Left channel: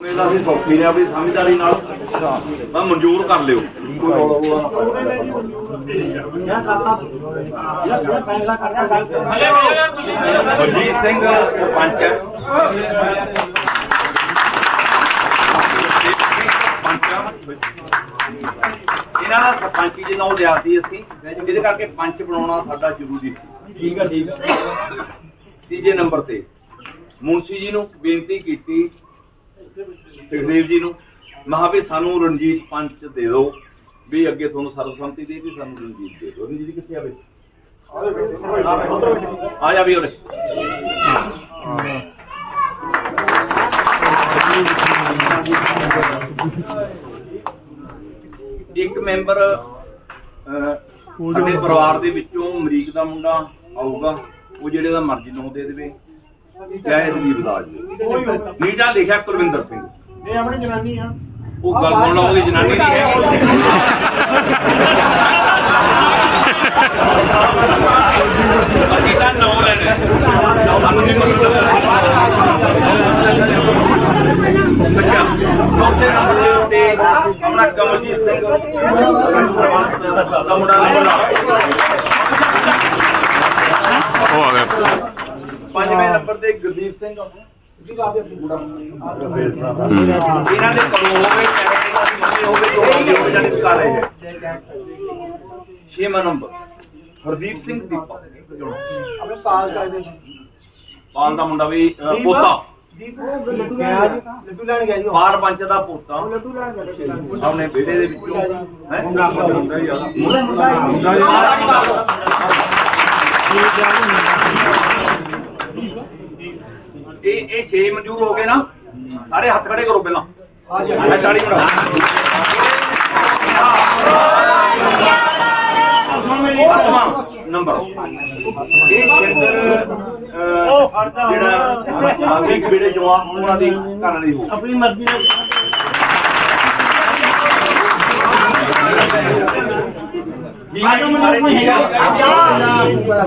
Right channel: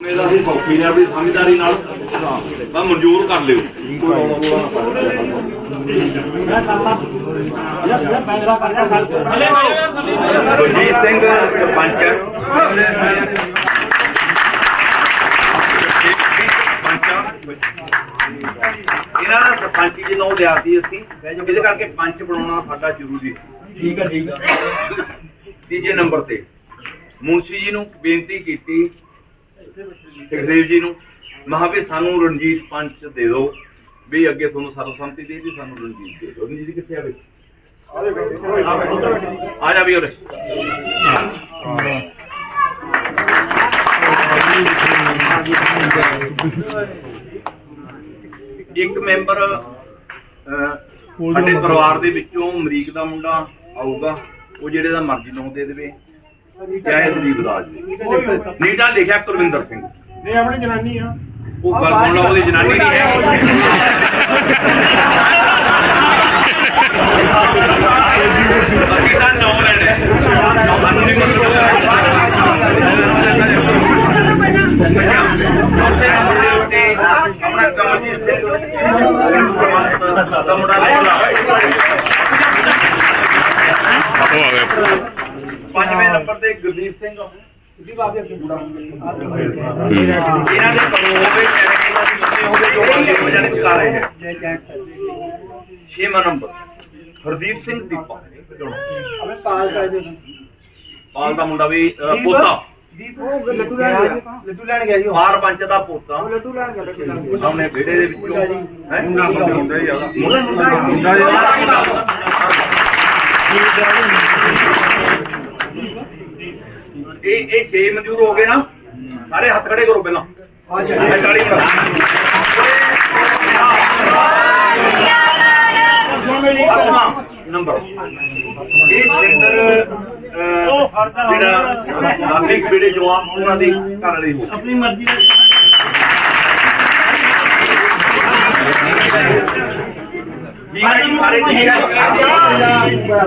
ਮੇਰਾ ਅਸੀਂ ਸੌਖੀ ਨੇ ਆਪਣੀ ਸਮਝਦਾਰੀ ਨਾਲ ਬਸ ਮਨਜ਼ੂਰ ਕਰ ਲਿਓ। ਬਲਜੀਤ ਸਿੰਘ ਸਰਪੰਚ। ਇਹਨਾਂ ਦਾ ਸਰਪੰਚੀ ਜੀ ਨਾਮ ਲਿਆ ਸੀ ਅਸੀਂ ਜਿਹਦੇ ਕਰਕੇ ਪੰਚ ਬਣਾਉਣਾ ਸਾਡਾ ਜ਼ਰੂਰੀ। ਸੀ ਠੀਕ ਹੈ ਠੀਕ ਹੈ ਤੀਜੇ ਨੰਬਰ ਤੇ ਮੁਨਸ਼ੀ ਜੀ ਨੂੰ ਬੇਨਤੀ ਕੀਤੀ ਸੁਖਦੇਵ ਜੀ ਨੂੰ। ਮਹਾ ਵੀ ਸਾਨੂੰ ਰਣਜੀਤ ਪੰਚ ਦੇ ਦਿਓ। ਵੀ ਅੱਗੇ ਤੁਹਾਨੂੰ ਸਰਬਸੰਮਤੀ ਦੇ ਦੀ ਸਾਨੂੰ ਰਣਜੀਤ ਦੇ ਦਿਓ। ਰਣਜੀਤ ਕਿੱਥੇ ਆਵੇ ਆ ਜਾ ਵੀ ਉਰੇ। ਇੱਕ ਮੈਂਬਰ ਸਾਡੇ ਪਰਿਵਾਰ ਦੇ ਵਿੱਚੋਂ ਅਮਰੀਕ ਦਾ ਮੁੰਡਾ ਆਊਗਾ। ਉਹ ਜਿਹੜੇ ਦਾ ਮਰਜ਼ੀ ਨੂੰ ਦੇ ਦੇਵੇ। ਚਾਹੇ ਦਲੀਪ ਦਾਸ ਜੀ। ਨੀਟਾ ਲਿਖਿਆ ਕੁਲਵਿੰਦਰ ਸਿੰਘ। ਨਹੀਂ ਆਪਣੀ ਜਨਾਨੀ ਆ। ਉਹ ਗੱਲ ਸੁਣ ਲਓ ਉਹਦੀ ਜਨਾਨੀ ਨਹੀਂ ਹੈ। ਅਸੀਂ ਤਾਂ ਨੌ ਲੈਣੇ। ਸਾਨੂੰ ਨਹੀਂ ਉੱਤੇ ਆਪਣਾ ਕਮਲਜੀਤ ਸਿੰਘ ਦਾ ਮੁੰਡਾ ਉਹ ਆ ਗਿਆ। ਪੰਜਵੇਂ ਨੰਬਰ ਤੇ ਗੁਰਦੀਪ ਸਿੰਘ। ਇਹਨਾਂ ਦੇ ਕੋਲ ਹੋਵੇ ਚਾਹੇ ਹੋਵੇ ਹੋ ਜਾਣੇ ਕਰ ਰਹੇ ਹੈ ਛੇਵਾਂ ਨੰਬਰ ਹਰਦੀਪ ਸਿੰਘ ਦੀਪਾ। ਅਬੇ ਪਾਲ ਕਰ ਦੇ ਪਾਲ ਦਾ ਮੁੰਡਾ ਵੀ ਪੋਤਾ। ਲੱਡੂ ਲੈਣ ਗਿਆ। ਜੀ ਪਾਰ ਪੰਚ ਦਾ ਪੋਤਾ। ਲੱਡੂ ਲੈਣ ਗਿਆ ਸਾਹਮਣੇ ਵਿਹੜੇ ਦੇ ਵਿੱਚੋਂ। ਹੈ? ਮੁੰਡਾ ਮੁੰਡਾ ਹੀ ਆ। ਮੁੰਡਾ ਮੁੰਡਾ ਆ। ਇਹ ਇਹ ਛੇ ਮਨਜ਼ੂਰ ਹੋ ਗਏ ਨਾ ਸਾਰੇ ਹੱਥ ਖੜੇ ਕਰੋ ਪਹਿਲਾਂ। ਆ ਜੀ ਇਹ ਤਾੜੀ ਅੱਠਵਾਂ ਨੰਬਰ। ਇਹ ਅਹ, ਜਿਹੜਾ ਨਾਗਰਿਕ ਜਿਹੜੇ ਜੋ ਆ ਉਹਨਾਂ ਦੀ ਘਰ ਵਾਲੀ ਹੋ ਆਪਣੀ ਮਰਜ਼ੀ ਨਾਲ। ਠੀਕ ਹੈ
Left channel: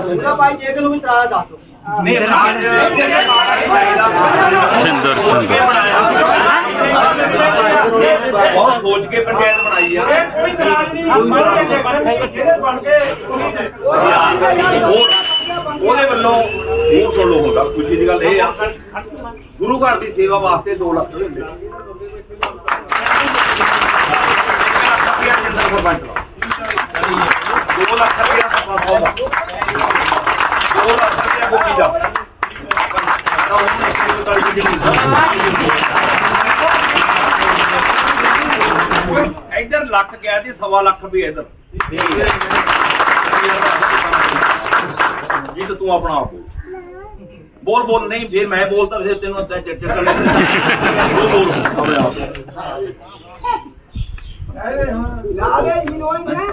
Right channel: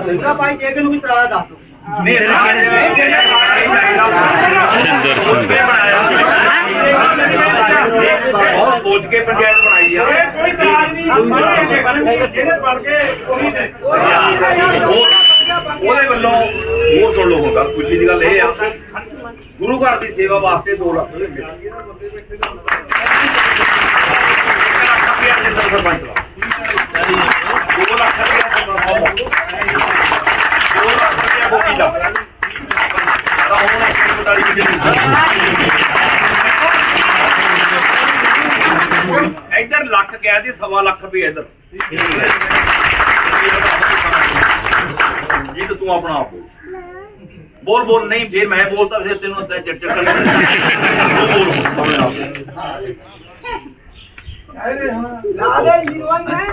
ਜੀ, ਭਾਈ ਜੇ ਨੂੰ ਵੀ ਤਰਾ ਦੱਸ ਸਿੰਦਰ, ਸਿੰਦਰ। ਬਹੁਤ ਸੋਚ ਕੇ ਪੰਚਾਇਤ ਬਣਾਈ ਆ। ਕੋਈ ਇਤਰਾਜ਼ ਨਹੀਂ ਜਿਹੜੇ ਬਣ ਗਏ ਉਹੀ ਨੇ। ਉਹ- ਉਹਦੇ ਵੱਲੋਂ ਹੋਰ ਸੁਣ ਲਓ ਹੁਣ ਗੱਲ ਖੁਸ਼ੀ ਦੀ ਗੱਲ ਇਹ ਆ। ਗੁਰੂ ਘਰ ਦੀ ਸੇਵਾ ਵਾਸਤੇ 2 ਲੱਖ ਰੁਪਏ ਮਿਲੇ। ਸਰਪੰਚ ਦਾ 2 ਲੱਖ ਰੁਪਿਆ ਸਰਪੰਚ ਦਾ 2 ਲੱਖ ਰੁਪਿਆ ਬੋਕੀ ਦਾ ਤਾਂ ਉਹਨੇ ਇੱਕ ਜ਼ਿੰਮੇਵਾਰੀ ਵੀ ਜਿਹੜੀ ਇੱਧਰ ਲੱਖ ਜੀ ਸਵਾ ਲੱਖ ਰੁਪਏ ਇੱਧਰ। ਜੀ ਤਾਂ ਤੂੰ ਆਪਣਾ ਆਪ ਬੋਲ। ਬੋਲ ਨਹੀਂ, ਫਿਰ ਮੈਂ ਬੋਲਦਾ, ਫਿਰ ਤੈਨੂੰ ਤਾਂ ਚੱਕ ਚੱਕ ਬੋਲ ਬੋਲ, ਆਪਣੇ ਆਪ। ਲਾ ਦੇ ਹੀਰੋਇਨ ਹੈ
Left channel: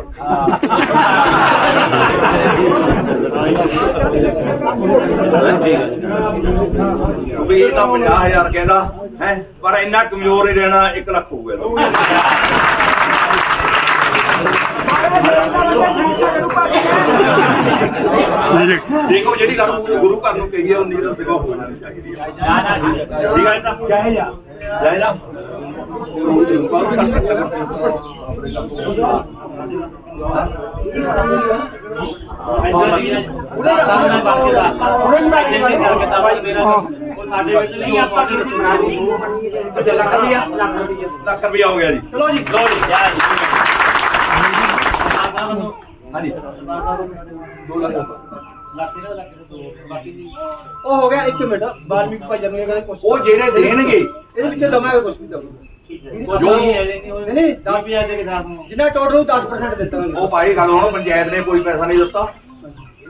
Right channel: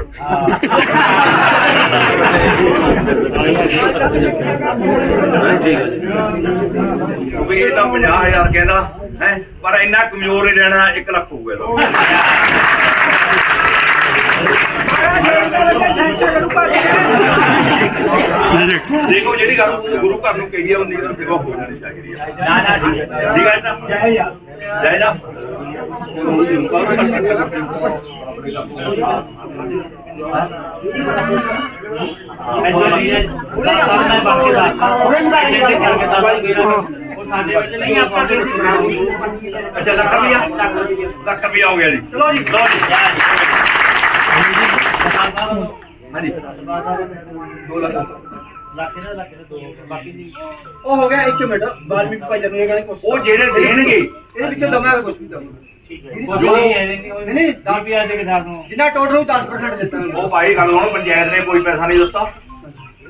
ਵੀ ਇਹ ਤਾਂ 50000 ਕਹਿੰਦਾ, ਹੈ, ਪਰ ਇੰਨਾ ਕਮਜ਼ੋਰ ਹੀ ਰਹਿਣਾ 1 ਲੱਖ ਹੋਊਗਾ ਇਹਦਾ। ਦੇਖੋ ਜਿਹੜੀ ਗੱਲ ਗੁਰੂ ਘਰ ਨੂੰ ਕਹੀ ਹੈ ਉਹ ਨੀਂਦ ਸਿਵਾ ਹੋ ਜਾਣੀ ਚਾਹੀਦੀ ਹੈ ਠੀਕ ਹੈ ਨਾ ਜੈ ਜਾ ਜੈ ਨਾ ਅੱਛਾ ਲੱਖ ਰੁਪਿਆ ਲੱਖ ਰੁਪਿਆ ਹੋ ਗਿਆ ਜੀ। ਚਲੋ ਜੀ। ਲਓ ਜੀ। ਹਾਂਜੀ 2 ਲੱਖ ਉਹ ਹੋ ਗਿਆ 1 ਮਿੰਟ ਬਾਅਦ ਵਿੱਚ ਭਾਈ ਜਨੇ ਕਹਿੰਦੇ ਕੁਝ ਉਹ ਜਿਹੜੇ ਦੇਣਗੇ। ਇਹਦੇ ਵਿੱਚ ਦਵਾਂਗੇ ਕੁਝ ਵੀ ਦਵਾਂਗੇ ਜੋ ਨਹੀਂ ਨਹੀਂ 10 ਪਿਆ ਦੇ ਕੇ ਸਾਰ ਨੂੰ ਜਿੰਨਾ ਟੋਟਲ ਨੂੰ 10% ਦਿੱਤਾ ਉਹ ਭਾਈ ਗੱਲ ਹੁਣ ਪੰਚਾਇਤ ਨੇ ਕੋਈ ਪੈਸਾ ਨਹੀਂ ਦਿੱਤਾ।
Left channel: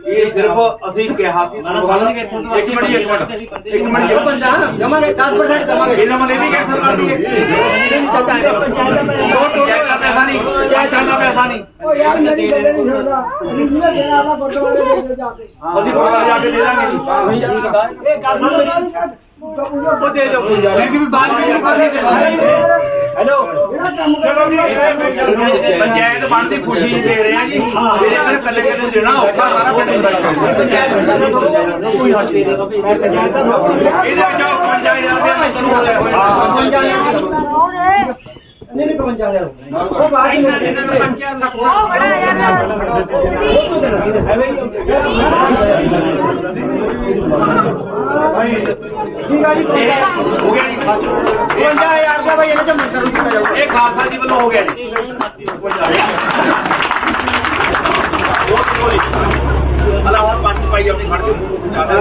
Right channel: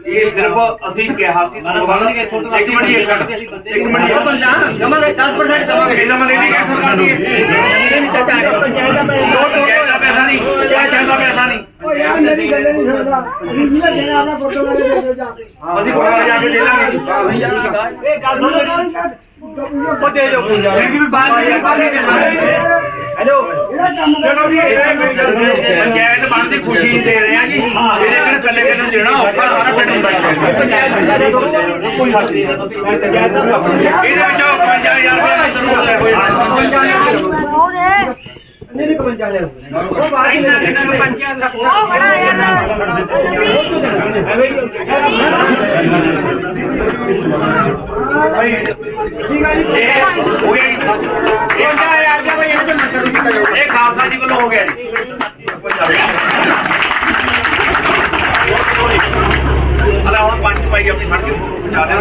ਇਹ ਸਿਰਫ ਅਸੀਂ ਕਿਹਾ ਸੀ। ਇੱਕ ਮਿੰਟ ਇੱਕ ਮਿੰਟ। ਇੱਕ ਮਿੰਟ। ਉਹ ਬੰਦਾ ਜਮਾਂਗੇ 10% ਦਵਾਂਗੇ ਇਹਦਾ ਮਤਲਬ ਇਹ ਨਹੀਂ ਕਿ ਸਰਕਾਰ ਦੀ ਇਹ ਨਹੀਂ ਚਾਚਾ ਪੰਚਾਇਤ ਦਾ ਪੈਸਾ ਨਹੀਂ ਪੰਚਾਇਤ ਦਾ ਪੈਸਾ ਨਹੀਂ ਉਹ ਯਾਰ ਮੇਰੀ ਗੱਲ ਨਹੀਂ ਸੁਣਦਾ ਜਿੰਨਾ ਆਪਣਾ ਗੁਰਦੁਆਰੇ ਦੇ ਜਾ ਕੇ। ਅਸੀਂ ਗੁਰਦੁਆਰੇ ਜਾ ਕੇ ਦੇ ਦਾਂਗੇ। ਇਹ ਗੱਲ ਉਹ ਦੇ ਦਿਓ ਕੋਈ ਯਾਰ ਵੀ ਬਾਹਰ ਨਹੀਂ ਬਾਹਰ ਨਹੀਂ ਜਿਹੜਾ ਕੰਮ ਪੰਚਾਇਤ ਬਣ ਦੀ ਖੁਸ਼ੀ ਦੇ ਰਹੇ ਆ ਜੀ। ਇਹਦੇ ਕਰ ਕੱਲੇ ਕੱਲੇ ਨੂੰ ਦੇਣਾ ਔਖਾ ਸਾਰਾ ਪਿੰਡ ਹੁੰਦਾ ਇਹਦੇ ਵਿੱਚ 55000 ਰੁਪਏ ਮੈਂ ਤੁਹਾਨੂੰ ਲੈ ਹੋਇਆ ਨਹੀਂ ਨਹੀਂ 55 ਲੈ ਉਹ ਬਾਅਦ ਇਹਨਾਂ ਵਿੱਚ ਇਹਨਾਂ ਨੂੰ ਪੰਚਾਇਤ ਦਾ ਠੀਕ ਆ ਜੀ ਹੋ ਗਿਆ ਜੀ 55000 ਰੁਪਏ ਭਾਈ ਇਹਦੇ ਚ ਮੰਤਰ ਨੂੰ ਕੀਤਾ ਜਾਊਗਾ ਇਹ ਖਾਲਸਾ ਜੀ ਵੱਲੋਂ ਹੋ ਗਿਆ ਜੀ ਹਲਾ ਹੁਣ ਪੰਜ ਪਾਈ ਆਪਣੀ ਫੜ ਕੇ ਪਹੁੰਚਾ ਦੇ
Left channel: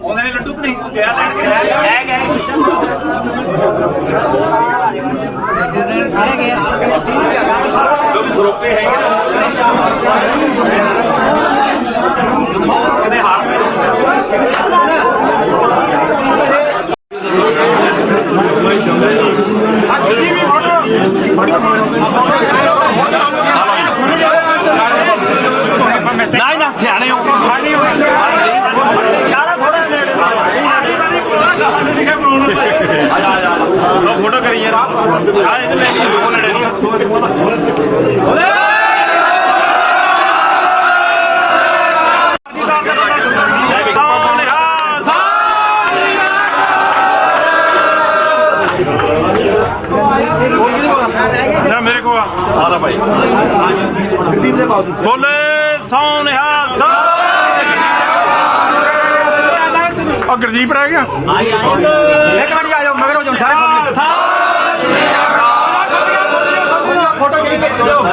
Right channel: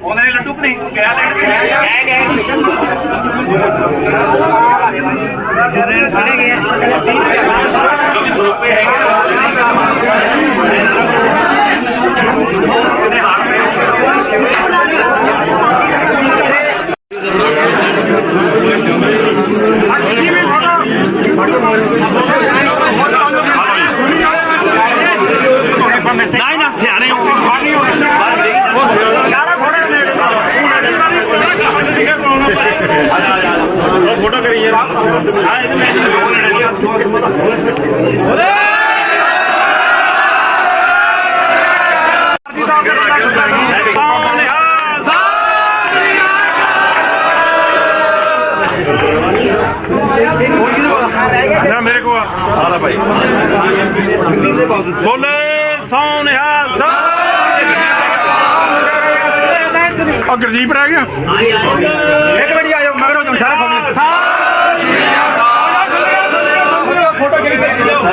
ਉਹਨਾਂ ਨੇ ਲੱਡੂ ਕਿ ਨਹੀਂ ਤੂੰ ਗਿਆ ਲੈਣ ਕੇ ਜੋ ਵੀ ਦੋ ਰੁਪਏ ਹੈਗੇ ਇਹਦੇ ਹਾਰ ਨਹੀਂ ਨਾ ਸਿਆਣੇ ਹੋ ਯਾਰਾ ਥੋੜਾ ਨੇੜੇ ਲੋ ਫੋਟੋ ਕਰੀ ਯਾਰ ਆ ਇਹਦੇ ਲੈ ਦੋ ਨੇੜੇ ਨਾ ਗੁਰਜੀਤ ਰਹਿ ਗਿਆ ਇੱਕ ਮਿੰਟ ਆ ਜਾਓ ਮਗਰੋਂ ਜਾਓ ਸਾਰੇ